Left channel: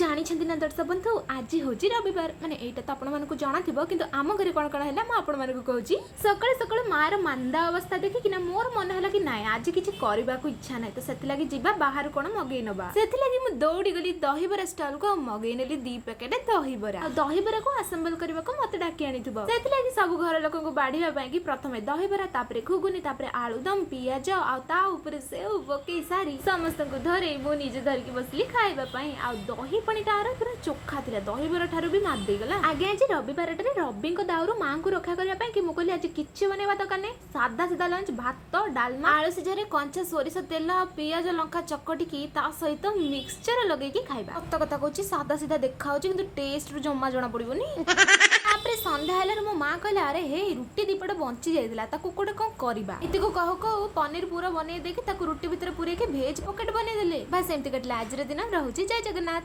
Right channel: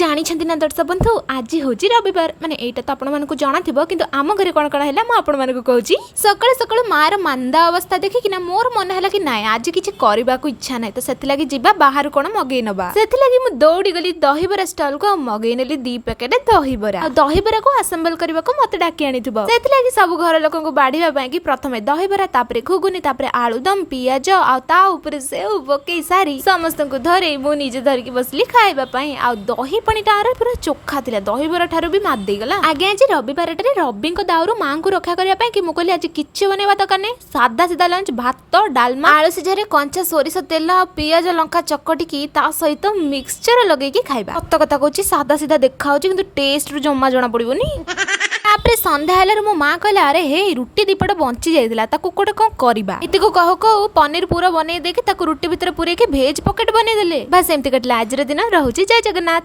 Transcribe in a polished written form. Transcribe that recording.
ଜାଣିଛନ୍ତି ନା ଦର୍ଶକ ବନ୍ଧୁ ଆଜି ହେଉଛି ରବିବାର ମାନେ ଏଇଟା ତ ଆପଣମାନଙ୍କୁ ଜଣାଥିବ କିନ୍ତୁ ଆମ ଘରେ କ'ଣ କ'ଣ ହେଲା ମୁଁ ଆପଣମାନଙ୍କୁ କହୁଛି। ସକାଳୁ ସକାଳୁ ମାର ମାନ୍ଦା ଅବସ୍ଥା ଦେଖିକିନା ମୋର ମନ ହେଲା କି ନାଇଁ ଆଜି କିଛି କରିବାକୁ ଇଚ୍ଛା ନାହିଁ ତ ସେଥିଲାଗି ଯିବା ବାହାରୁ କ'ଣ ମଗେଇ ନବା। ସେଥିଲାଗି ମୁଁ ଦୌଡ଼ି ଗଲି ଦହିବରା ଷ୍ଟଲକୁ ଆଉ ମଗେଇ ନେଲି 2 ପ୍ୟାକେଟ ଦହିବରା। ଆଉ ଦହିବରାକୁ ଆସେମ୍ବଲ କରିବାକୁ ମତେ ଡାକି ଆଣିଥିବ। ସେଥିଲାଗି ସବୁ ଘର ଲୋକଙ୍କୁ ବାଢିବା ପାଇଁ କି ପ୍ରଥମେ ଦହିବରା ତାପରେ ଘୁଗୁନି ତାପରେ ଆଳୁଦମ ପିଆଜ ଆଉ ତା ଉପରେ ସେଉ ପକେଇ ସାରି ସମସ୍ତଙ୍କୁ ଧରେଇ ମୁଁ ନିଜେ ଧରିକି ବସିଲି ଖାଇବା ପାଇଁ। ଆଉ ଦହି ପାଣିଟା ପୁରା ଚୋଖା ଥିଲା ଦହିବରା ଠାରୁ ବି ମାଦ ଦେଇଗଲା। ଆଜ୍ଞା ଆଜି ରବିବାରଟାରେ ରବିଙ୍କ ଦାଉରୁ ମାଙ୍କୁ ରକ୍ଷା କରିବା ପାଇଁ କି ମୁଁ କହିଲି ଆଜି କିଛି ବନେଇବା ଦରକାର ନାହିଁ ସାଧା ସିଧା ଲଞ୍ଚ ଭାତ ଡାଲମା ଆଳୁ ସିଝାରେ କଞ୍ଚା ସୋରିଷ ତେଲ ଆଉ ପିଆଜ ଲଙ୍କା ଚକଟିକି ତା ସହିତ ମିକ୍ସଚର ଲଗେଇକି ଖାଇବା। ସତ କଥା କହୁଛି ସାଧା ସିଧା ଦେଖା ହଉଛି କିନ୍ତୁ ଟେଷ୍ଟରୁ ଜମା ଜଣା ପଡିବନି। ତାପରେ ସନ୍ଧ୍ୟା ହେଲାରୁ ମୋ ମା କହିଲା ଆରେ ହେ ରୁଟି ଦିପଟ ବଞ୍ଚି ଯାଇଥିଲା ତାକୁ ଗୋଟେ କଣ କରିବା। ଏତିକୁ କହୁ କହୁ ପନିର ପୁରା ବନେଇ ଦେଇକି ତାକୁ ରୁଟି ଭିତରେ ପୁରେଇକି ଭେଜ ପକେଟ ବନେଇ ଦେଲେ। ବାସ୍ ଏମିତି କଟିଲା ଆଜିର ଦିନ। ରହୁଛି ଜୟ ଜଗନ୍ନାଥ।